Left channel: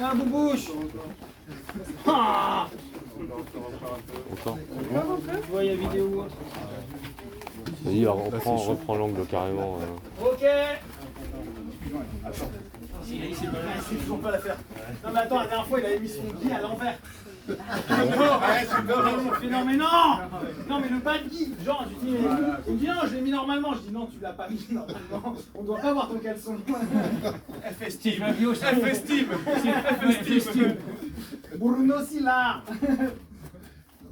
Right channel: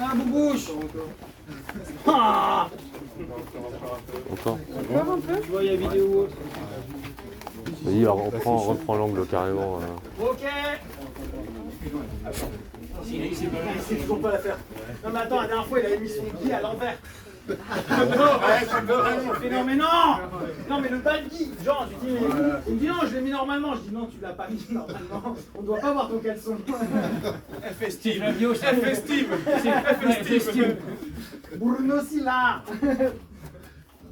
Ah, boubouche. Ah. Tu vois, il y a vidéo ou autre. Vas-y, reprends l'angle carrément. Ok. C'est pas mal, c'est toujours pas l'affaire. Non mais attends, la dernière fois il avait mis son pied à l'envers. Non, mais non. Non mais le bas de guide, genre il me dit non, je l'ai mis normalement. Je dis non, tu l'as pas mis normalement. On doit pas voir ton caleçon. Festive. Bruno Silla.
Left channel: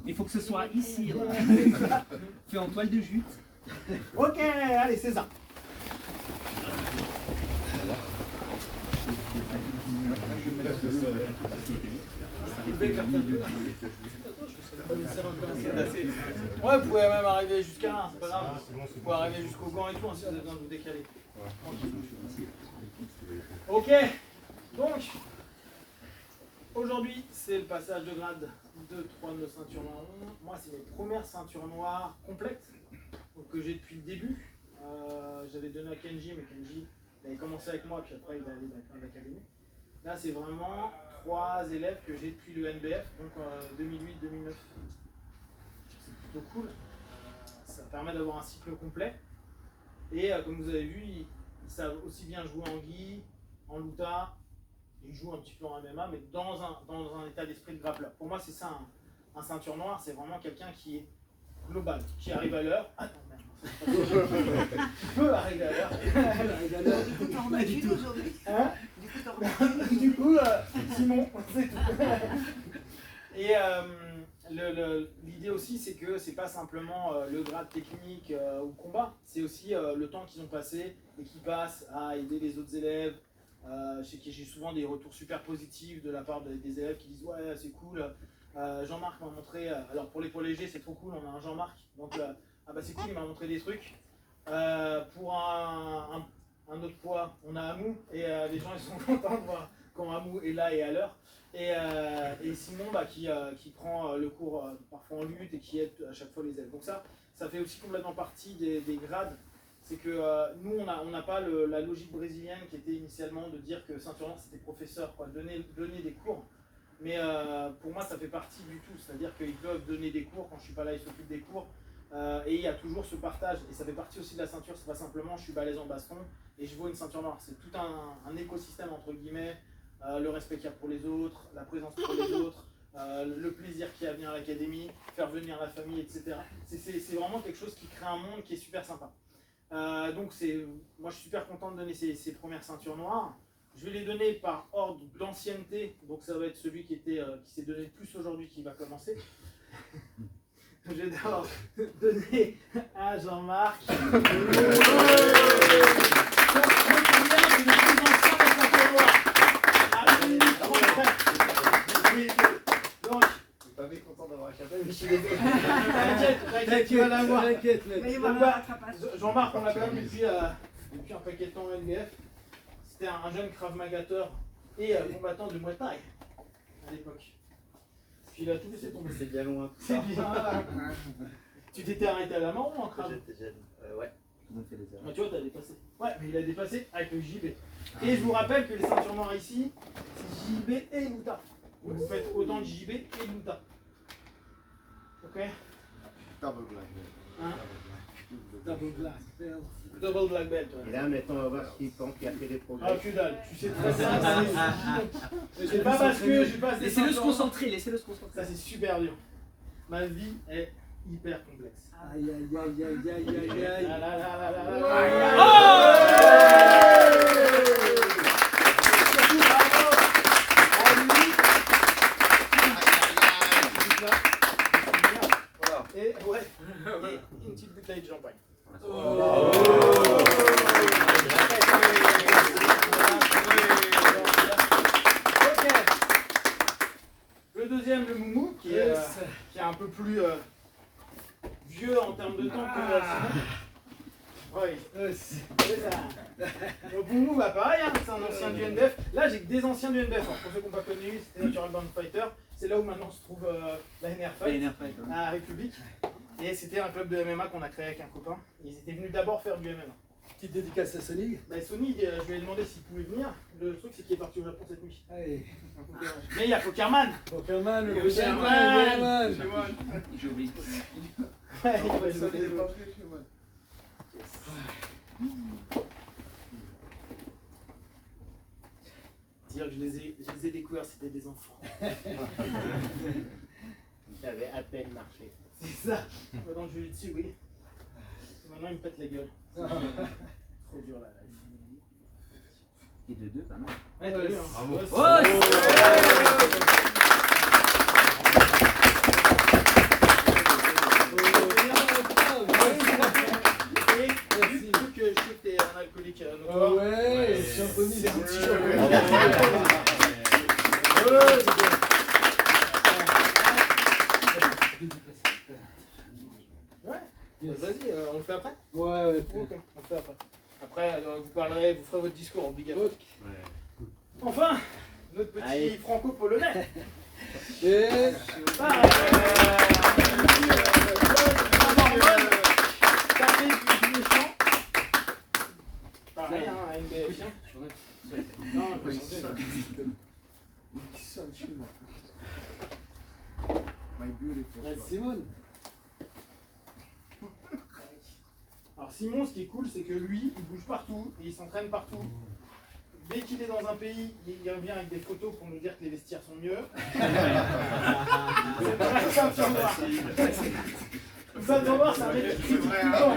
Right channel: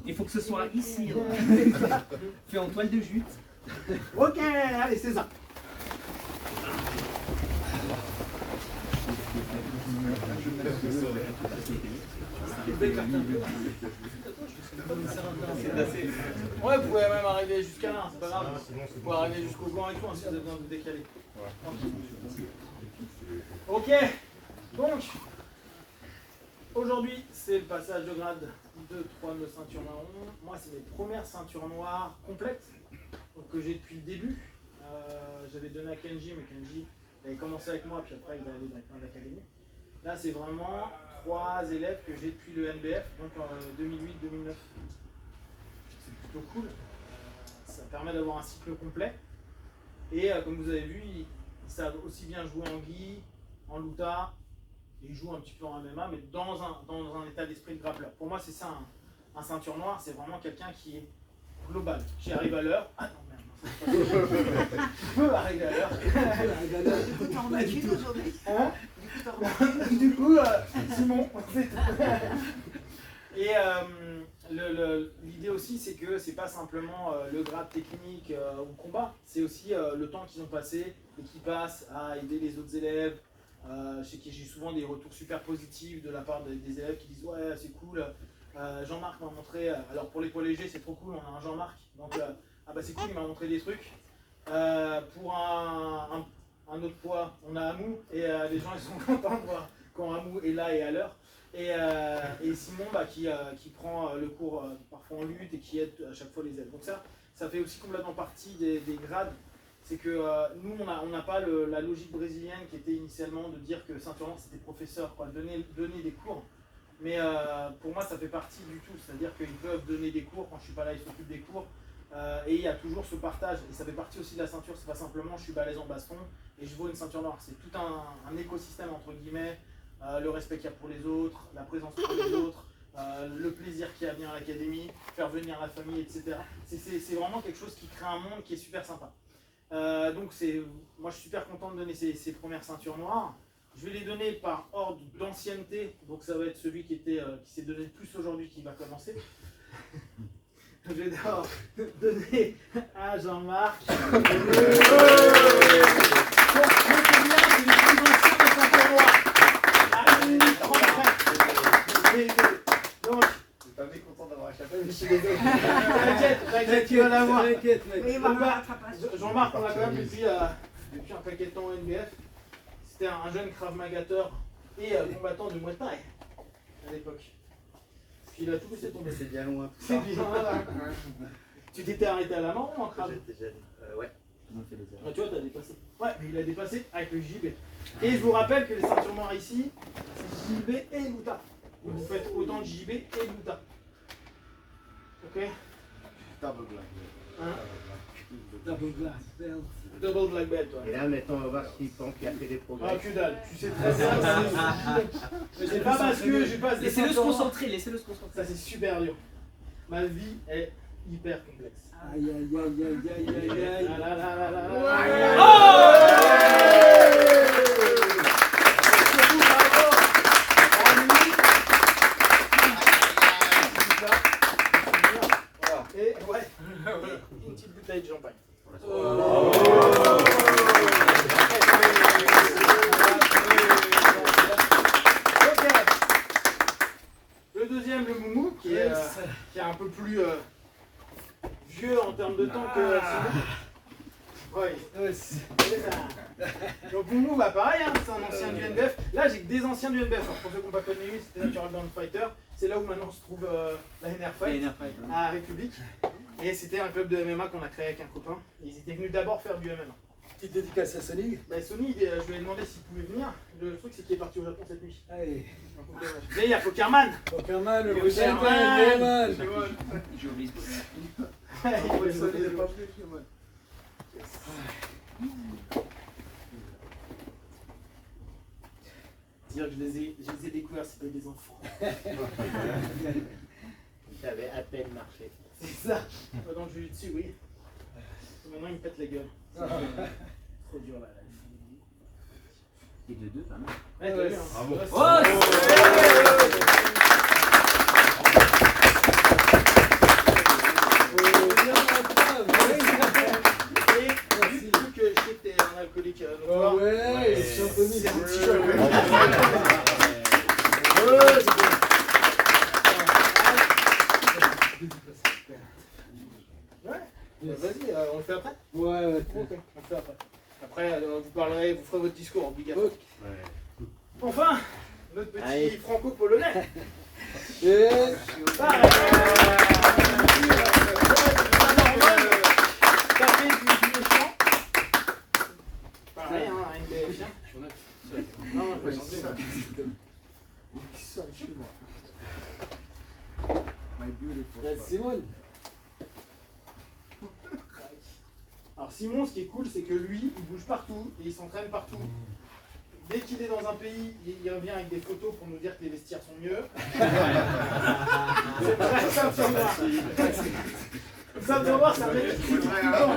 Il faut que ce soit ici. Fait en toile de jute. Ok, allez César. Ouais, vous pouvez même arriver jusqu'à là, c'est pas grave. Vous pouvez arriver jusqu'au gant et tout, si vous avez besoin de vous décaler. Ok, donc, aujourd'hui, c'est le passage de grade 2, 3 de ceinture marron. Moi, c'est mes premières ceintures noires complètes, donc, que j'ai depuis le début. J'avais donné à Kenji, mais Kenji avait commencé avec moi, puis après il est allé dans l'académie. Là, c'est vraiment 3 élèves que j'ai depuis le NBF, donc 2008-2009. C'est plutôt cool. Ça permet d'avoir un cycle complet. Et comme vous avez vu, ils savent aussi bien jouer en gi, en luta, et ils jouent un petit peu en MMA, mais dans un état d'esprit de grappleur. Pour moi, c'est ça, un ceinture noire, c'est vraiment quelqu'un qui est global, qui arrive à l'heure. Ah non, merde. Qui peut arriver à l'heure. Du coup, t'en as dit aujourd'hui. Hein? Du coup, Simon. Et l'idée aussi, c'est que c'est pas simplement le grade technique ou combat, c'est aussi le temps qu'ils ont passé et qu'ils passent à aider les autres élèves. Je sais que j'ai souvent des retours super positifs de la part des élèves qui disent ouais, c'est cool. Jean-Marc m'a montré, alors pour les poids légers, c'est trop cool, on a un Jean-Marc, donc ah bah c'est cool, il m'a montré des trucs. Pour un autre poids, on a Amou, et les gens ils sont contents de voir quand Amou est là et à l'heure. Et Simon bah, qui prend le cours parfois en lutte et qui aide à chaque fois les élèves. Donc ça fait aussi complètement partie des grades. C'est que nous, on n'a pas la logique brésilienne qui était initialement de dire que ceinture noire c'était professeur, quoi, donner des cours. Mais pour moi, ça fait partie du tout. C'est-à-dire qu'ils peuvent donner des cours, quand je ne suis pas là, ils s'occupent des cours. Et il y a toujours ce partage. Et ça fait partie aussi de la ceinture. C'est pas simplement je suis balèze en baston et je vaux une ceinture noire. C'est tout un écosystème, entre guillemets. Le respect qu'il y a pour les autres, la présence pour les autres, le plaisir qu'il y a à venir à l'académie, faire venir la famille, etc. C'est vraiment quelque chose qui crée un monde qui est super sympa. Donc moi je suis super content de donner ces premières ceintures noires. Je vais les donner par ordre d'ancienneté, donc ça va être celui qui s'est donné le plus aujourd'hui qui va commencer. Je vais d'abord donner à Jean-Marc. Donc, pas fait content d'avoir échappé, mais je suis désolé. T'inquiète, tu vas l'avoir. Jean-Marc, on l'a quand même depuis un paquet de temps au NBF. C'était un jeune Krav Magateur et combattant de Muay Thai à l'époque. Puis il a tout laissé tomber. C'est bien loin. C'est bien. Tu t'étais arrêté à la mort ou en Krav? J'étais jeune. Ouais. Tu vois, t'as dépassé. Ouais, mais il a dépassé avec le JB. Et je vous rappelle que les ceintures noires ici, c'est JB et Luta. Vous faites autant de JB et Luta. Ok? Double black belt. Hein? Double black belt. Double black belt, ouais. Et là, maintenant, on va voir s'il pense qu'il a fait des progrès. Ah, que dalle, tu sais très bien. C'est pas parce que je passe des Laissez-le se ceintures noires. concentrer, laissez-le se concentrer. Ça, c'est super dur. Ma vie est hyper complexe. Aïe aïe aïe aïe aïe aïe aïe. Ah là là là là là. Et ouais, une petite bouteille de champagne. Ok. Le deuxième, le Moumou, qui est un peu plus vieux en termes de temps que Simon. Oui. Donc Moumou, bah pareil, hein, c'est un ancien du NBF. Là, j'ai que des anciens du NBF. Alors, pour ceux qui n'ont pas connu, c'était Natural Born Fighter. C'est là où maintenant se trouve la NR Fight, à République. Et c'était un club de MMA qu'on a créé avec un copain. Ils étaient venus d'abord faire du MMA. Petite dédicace à Sony. Bah, Sony, je lui ai demandé s'il pouvait venir. Le truc, c'est qu'il est parti au Japon cette nuit. Allez. Mais il y a Pokerman. Pokerman, le Pokerman. Pokerman. J'ai oublié. Dire que je les ai découverts, c'était des enfants. J'avais à peine marché. C'est ça. Moi, dans le jiu-jitsu, oui. Maintenant, il me pète la gueule. Trop dur là. Et de 2, pas mal. Ouais, t'as vu, hein. Bravo. Et vu que je sais que t'es un alcoolique notoire, Ouais, champion. c'est un petit jeu. Ouais, vas-y, on le fait après? Ouais, Ok, on le fait après. Après, vous ferez votre discours obligatoire. Ouais. Enfin, notre petit Allez. franco-polonais. Et Pareil. Tapé du méchant. Pareil, hein, avec des chiens. Non, je peux chanter. Simone. Alors Simon, ce qui est cool, c'est que lui, il bouge partout et il s'entraîne partout. Dès qu'il est dans un pays, il revient avec des photos pour nous dire que les vestiaires sont mieux. C'est vrai, ceinture noire. Ceinture noire, c'est un mec qui tout le temps.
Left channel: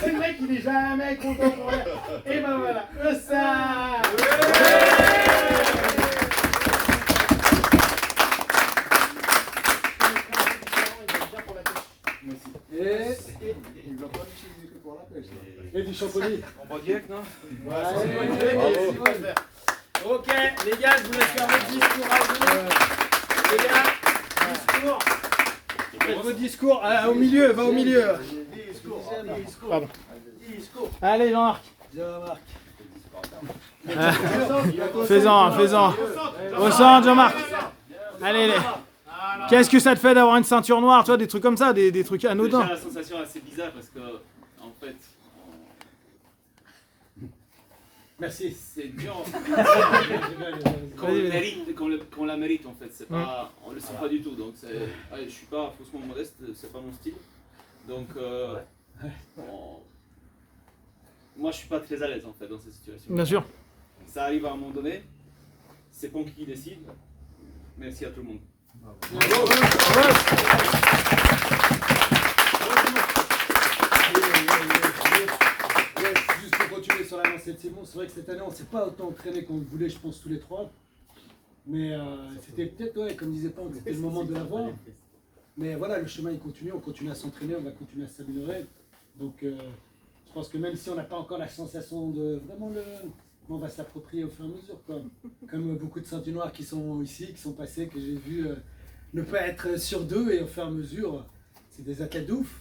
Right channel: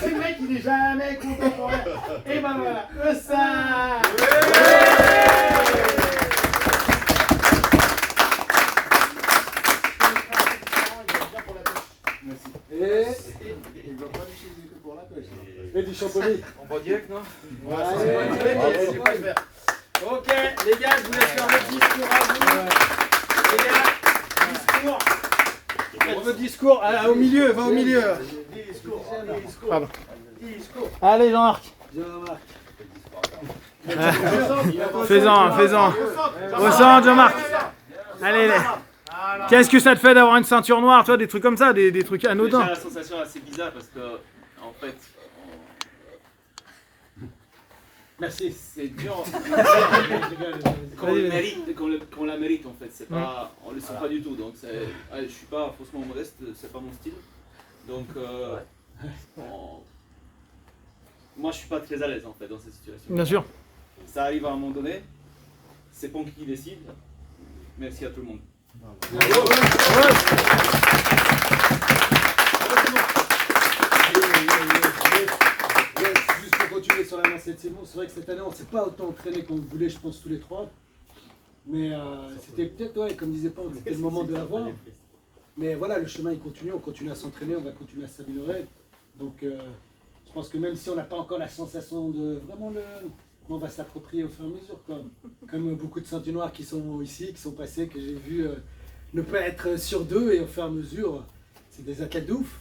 C'est le mec qui n'est jamais content pour rien. Et ben voilà, ça. Et du champonnet. On va direct, non? Ok, les gars, je vous laisse faire votre discours à vous. Les gars, discours. Faites votre discours. Ah, au milieu, va au milieu. Pardon. Allez, Jean-Marc. Fais-en. Au centre, Jean-Marc. Allez. Qu'est-ce que ça te fait d'avoir une ceinture noire, toi, des trucs comme ça, des trucs anodins? Déjà, la sensation assez bizarre parce que, en fait, Merci. c'est dur. Qu'on la mérite, en fait. C'est pas, on le sent pas du tout. Donc, je suis pas faussement modeste, c'est pas mon style. Donc, moi, je suis pas très à l'aise, en fait, dans cette situation. Bien sûr. Ça arrive à un moment donné. C'est Ponky qui décide. Merci à tout le monde. Juste pour continuer sur la lancée de Simon, c'est vrai que cette année on ne s'est pas autant entraîné qu'on le voulait, je pense, tous les trois. Mais c'était peut-être, ouais, comme disait Pan, c'était le moment de l'avoir. Mais voilà, le chemin il continue, on continue à s'entraîner, on va continuer à s'améliorer. Donc je pense que même si on n'a pas encore la sensation de vraiment on va s'approprier au fur et à mesure. Comme beaucoup de ceintures noires qui sont ici, qui sont passés, que j'ai vu ne pas être sur deux et au fur et à mesure, c'est des athlètes de ouf.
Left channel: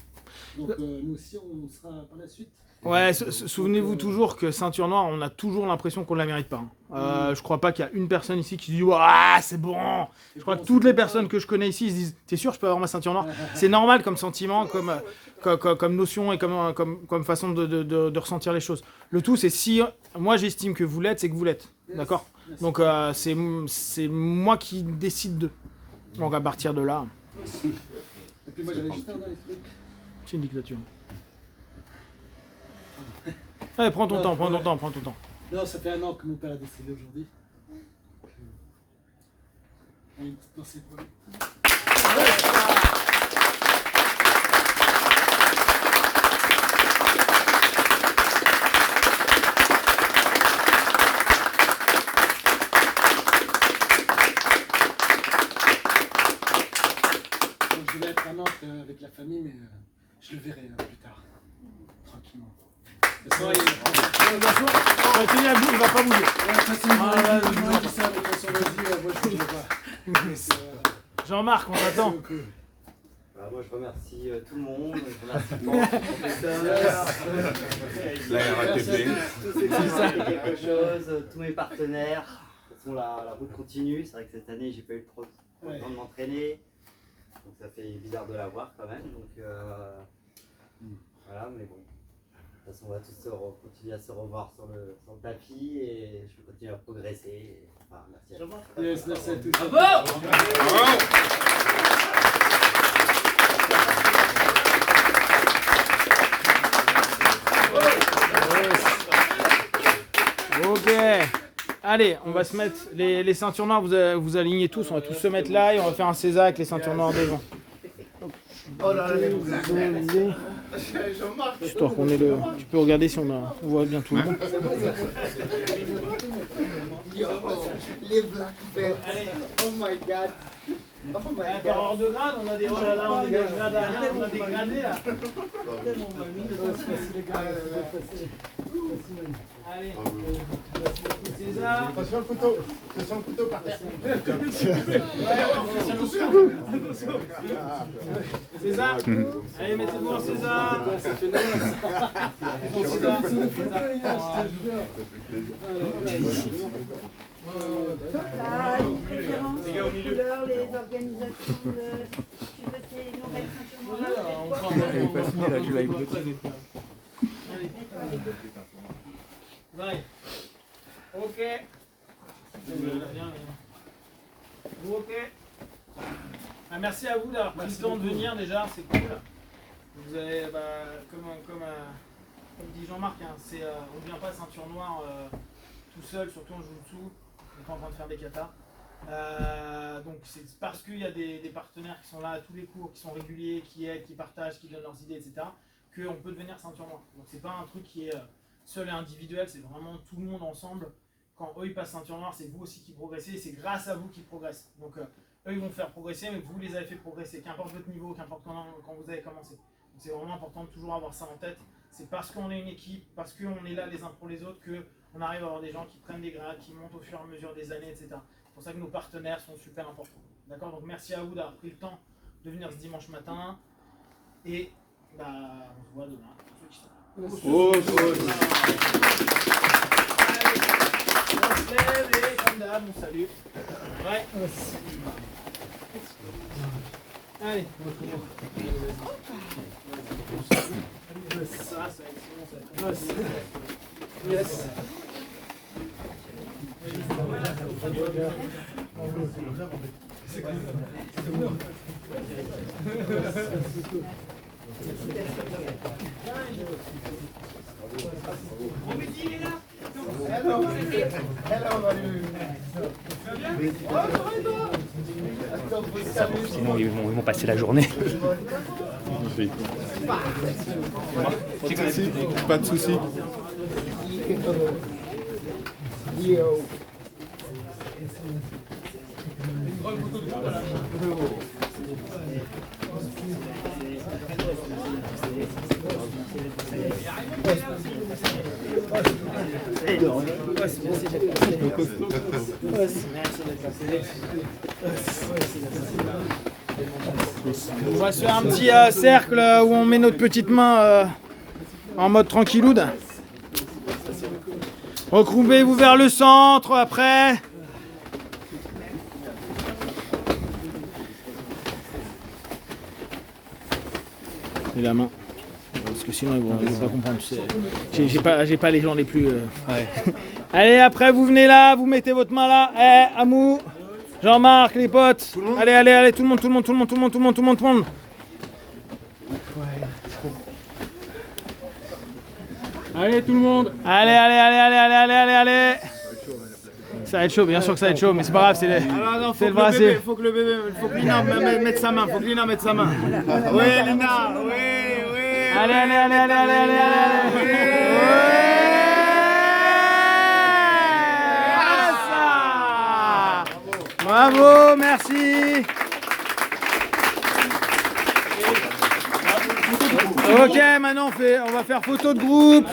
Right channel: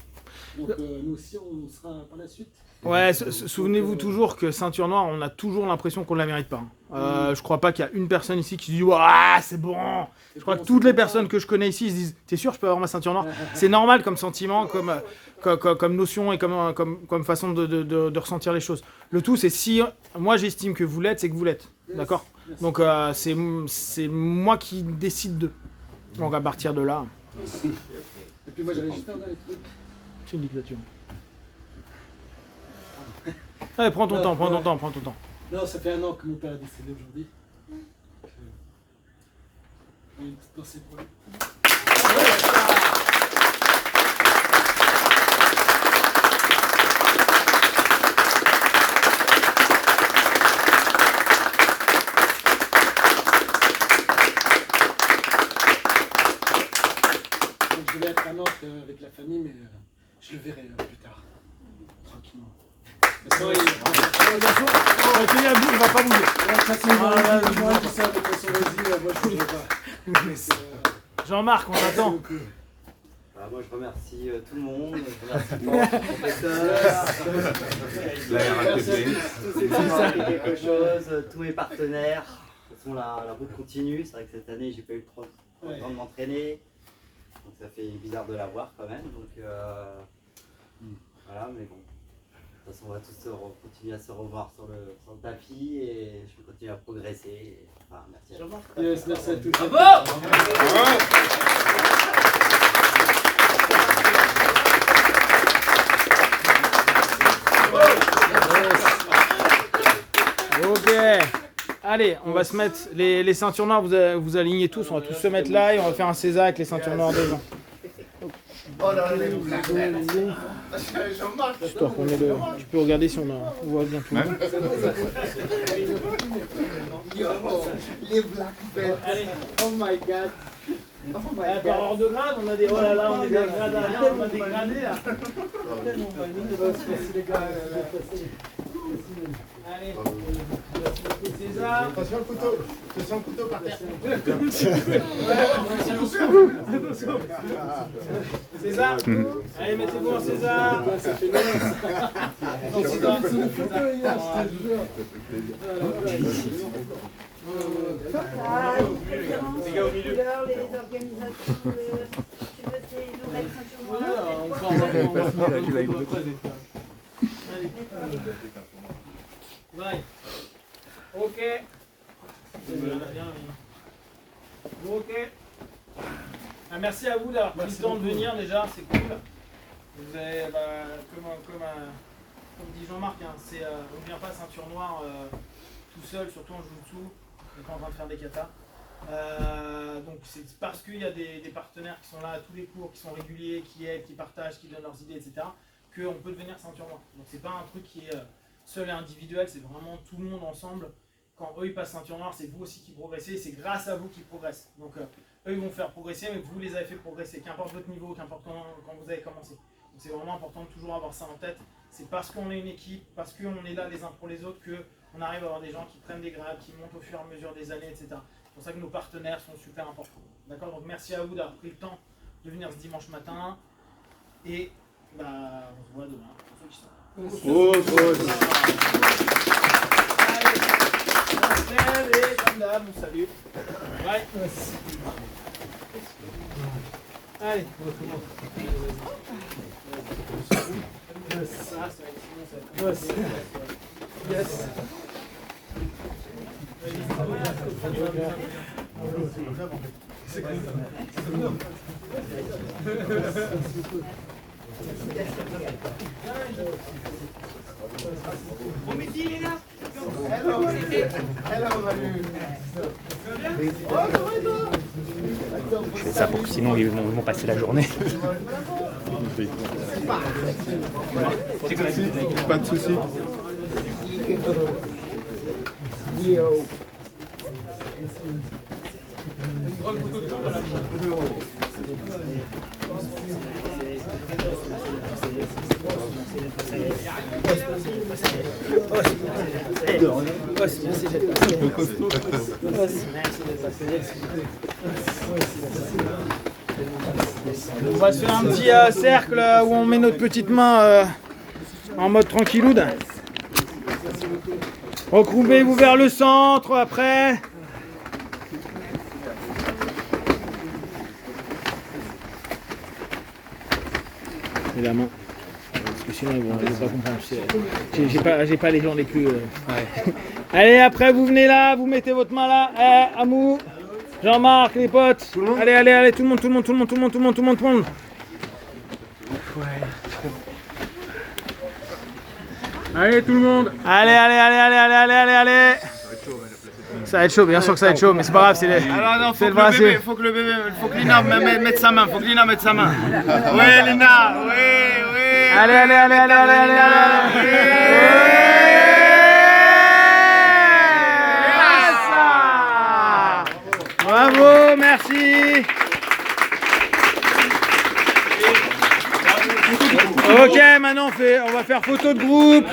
Donc nous aussi on sera par la suite. Ouais, souvenez-vous toujours que ceinture noire, on a toujours l'impression qu'on ne la mérite pas. Je crois pas qu'il y a une personne ici qui se dit ah c'est bon. Je crois que toutes les personnes que je connais ici se disent t'es sûr je peux avoir ma ceinture noire? C'est normal comme sentiment, comme notion et comme façon de ressentir les choses. Le tout c'est si moi j'estime que vous l'êtes, c'est que vous l'êtes. D'accord? Donc c'est moi qui décide de. Donc à partir de là. Et puis moi j'avais juste un dernier truc. C'est une dictature. Allez, prends ton temps. Non, ça fait 1 an que mon père est décédé aujourd'hui. Une petite pensée pour lui. Donc je vais être à Nantes avec la famille, mais je le verrai plus tard. Tranquillement. Il va pas bouger. Jean-Marc, on t'attend. Moi je remercie tout le monde, je remercie le professeur, tous ceux qui ont appris quelque chose, tous mes partenaires. De toute façon la route continue, c'est vrai que cette année j'ai pas eu trop le temps de m'entraîner. Donc ça fait bizarre de la voir quand même. Donc voilà, mais bon. De toute façon, on va tous continuer à se revoir sur le tapis et je vais continuer à progresser. Et, enfin, merci à tous. Yes, merci à tous. Ok. Allez, on va se mettre les ceintures noires, vous alignez tous, on va tous se mettre là et on va faire un César avec les ceintures noires devant. Histoire qu'on ait le... Tu peux regarder si on voit bien tout. Les black belts. Allez. Oh my god. Oh my Par ordre de grade, on a des... Oh là là, on a des grades à rien, on a des gradés là. Allez. César. Attention le couteau. Attention le couteau par terre. César. Allez, mettez-vous en César. Les couleurs, les organisations, tu veux nous mettre un Ouais. Ok. Ok. Ah, merci à vous d'avoir pris le temps de venir déjà, c'est cool. Vous avez, comme dit Jean-Marc, hein, on ne vient pas ceinture noire tout seul, surtout en jiu-jitsu. On n'est pas en train de faire des katas. Donc c'est parce qu'il y a des partenaires qui sont là à tous les cours, qui sont réguliers, qui aident, qui partagent, qui donnent leurs idées, etc. qu'on peut devenir ceinture noire. Donc c'est pas un truc qui est seul et individuel, c'est vraiment tout le monde ensemble. Quand eux ils passent ceinture noire, c'est vous aussi qui progressez, c'est grâce à vous qu'ils progressent. Donc eux ils vont faire progresser, mais vous les avez fait progresser, qu'importe votre niveau, qu'importe quand vous avez commencé. Donc c'est vraiment important de toujours avoir ça en tête. C'est parce qu'on est une équipe, parce qu'on est là les uns pour les autres, qu'on arrive à avoir des gens qui prennent des grades, qui montent au fur et à mesure des années, etc. C'est pour ça que nos partenaires sont super importants. D'accord? Donc merci à vous d'avoir pris le temps de venir ce dimanche matin. Et on se voit demain pour ceux qui sont là. Allez, on se lève et comme d'hab, on salue. Ouais. Allez, on recommence. Yes. Bon midi les gars. Ça, sinon ils vont passer la journée. Pas de soucis. On va se faire un petit cercle où on met notre petite main en mode tranquilloude. Recourbez-vous vers le centre après. Et la main. Parce que sinon ils vont pas comprendre. J'ai pas les gens les plus... Allez, après vous venez là, vous mettez votre main là. Amou, Jean-Marc, les potes. Allez, tout le monde. Allez, tout le monde. Allez. Ça va être chaud, bien sûr que ça va être chaud, mais c'est pas grave, c'est le bras. Faut que Lina mette sa main, Ouais, Lina, ouais. Allez. Bravo, merci. Ok, maintenant on va faire photo de groupe.